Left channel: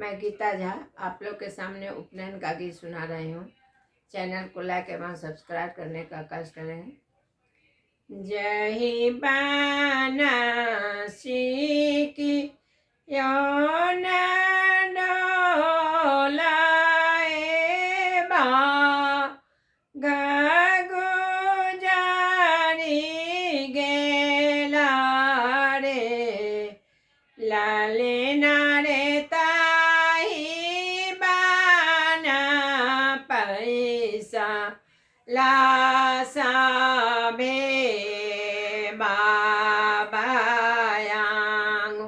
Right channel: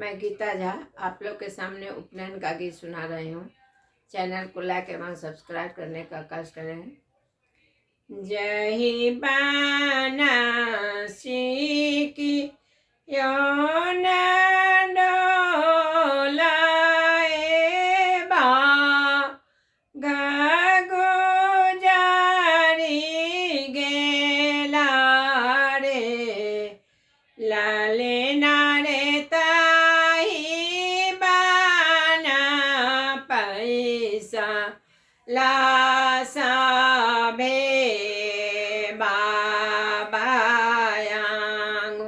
मैं गीता झा आप लोग के सामने उपनयन का गीत सुना रही हूँ। चैनल को लाइक एवं सब्सक्राइब करने का कष्ट करें। जही बानासी की योन डोलाए बा गुजारी गेला रे लाले नारे ताही बाना पैसा लासा भे बाबायांग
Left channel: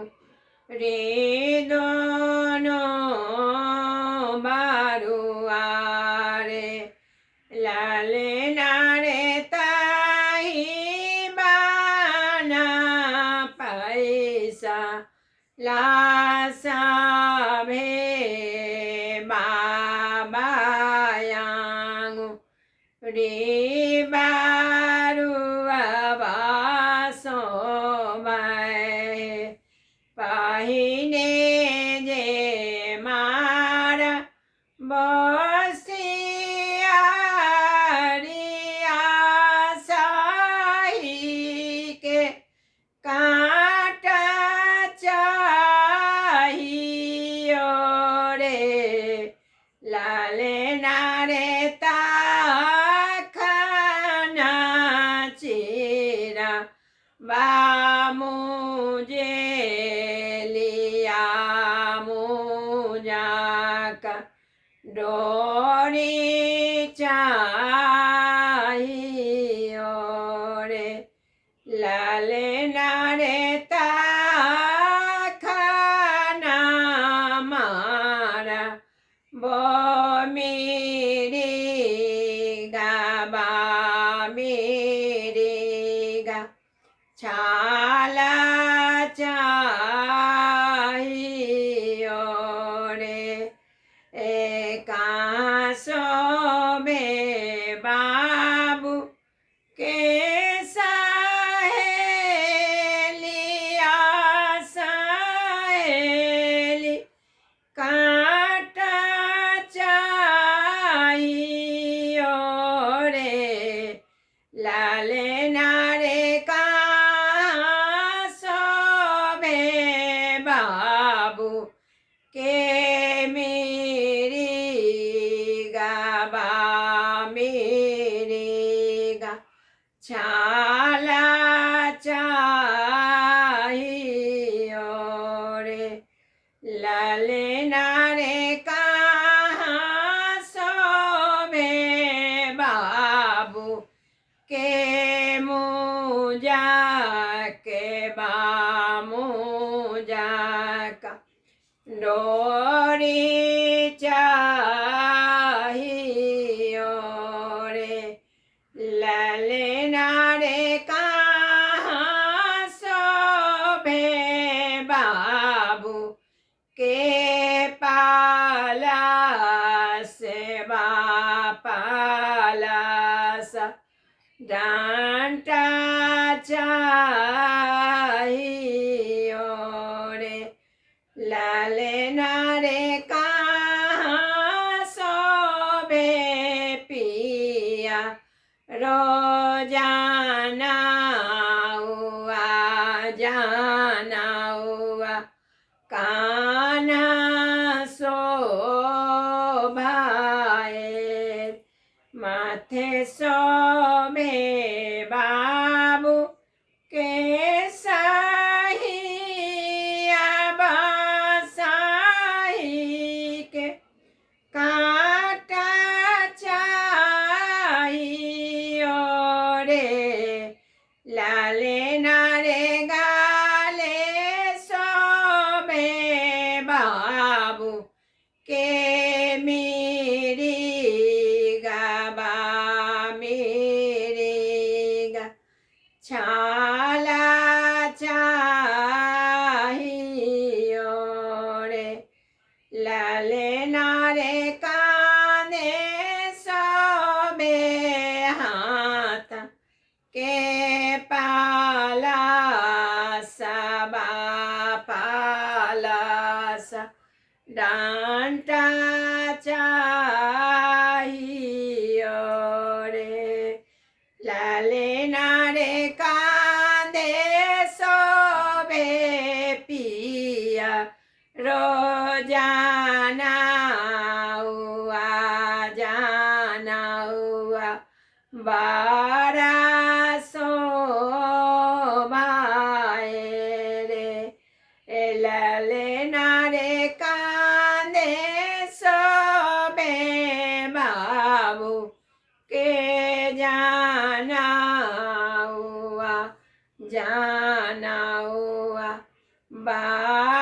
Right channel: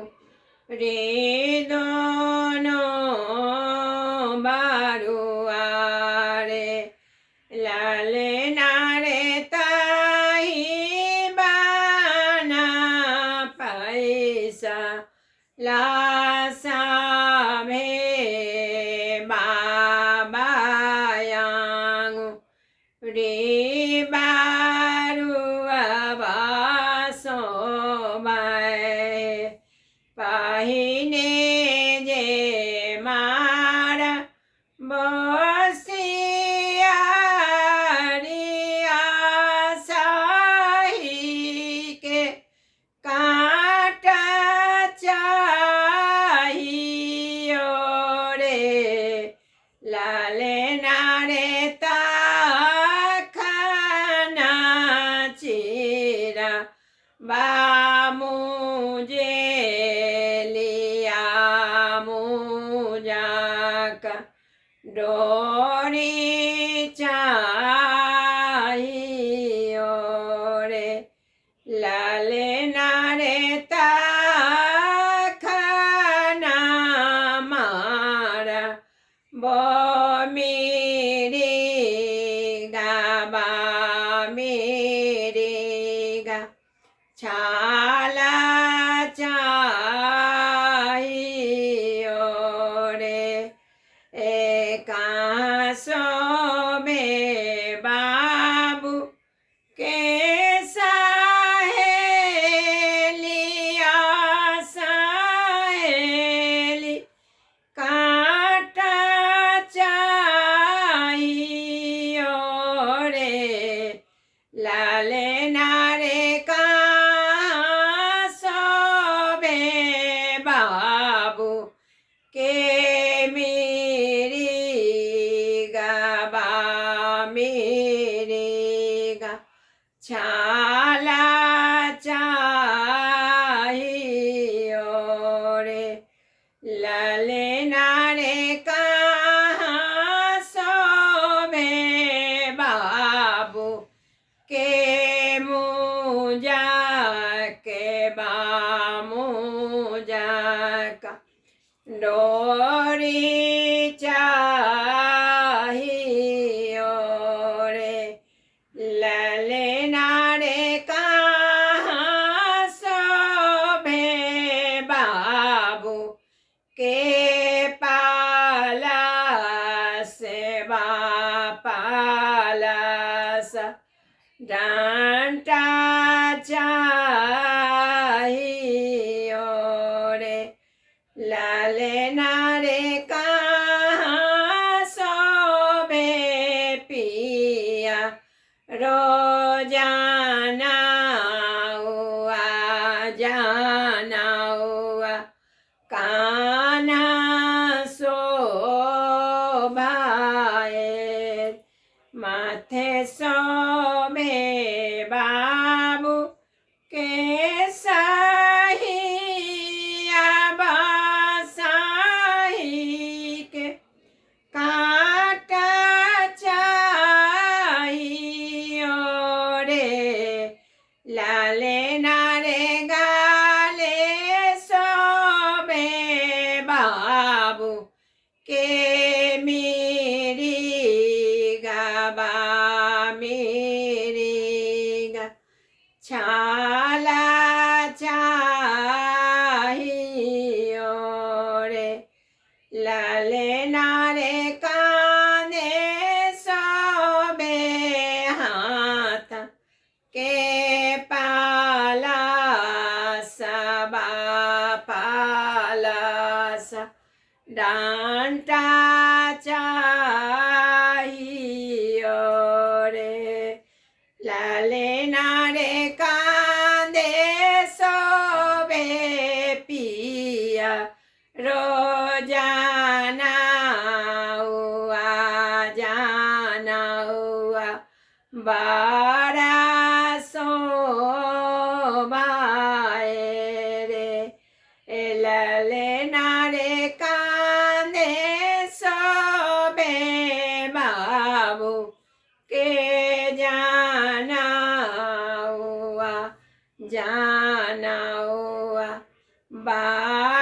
रे दोनों बारुआरे लाले नारे ताही बाना पैसा लासा भे बाबायांग रे बारुआ बासो बाए पाहिने जे मारा बसियारिया साही के काटा चाहियो रे लाले नारे ताखना चीरा बा मुझे लिया मुझा का डोरी चाहियो रे लाले नारे ताखना मारा बो मेरी गा छाला चाहियो रे एकासो में बाबू के सहेलिया सहेली काटा चाहियो रे लाले नारे कहाँ सोबे बाबू के मेरी गा छाला चाहियो रे लाले नारे कहाँ सोबे बाबू के मुझा के बामुझा का डोरी चाहियो रे लाले नारे कहाँ सोभे बाबू के पाला से बापाला सा डांटा चाहियो रे लाले नारे कहाँ सोबे पिया रोजाना हुआ जाना हुआ काना सो भाए माथे सोबे बाबू के साहिया बासाही के काटा चाहियो रे लाले नारे गाले सोबे बाबू के मेरी गा छाला चाहियो रे लाले नारे काने सोबे हाथ के पाला सबा पाला सा डांटा चाहियो रे ललना रे कांदे सोबे पिया रोजाना हुआ जाना हुआ बड़ा शोभाए रे ललना रे कांदे सोबे बाबू के जाना हुआ बा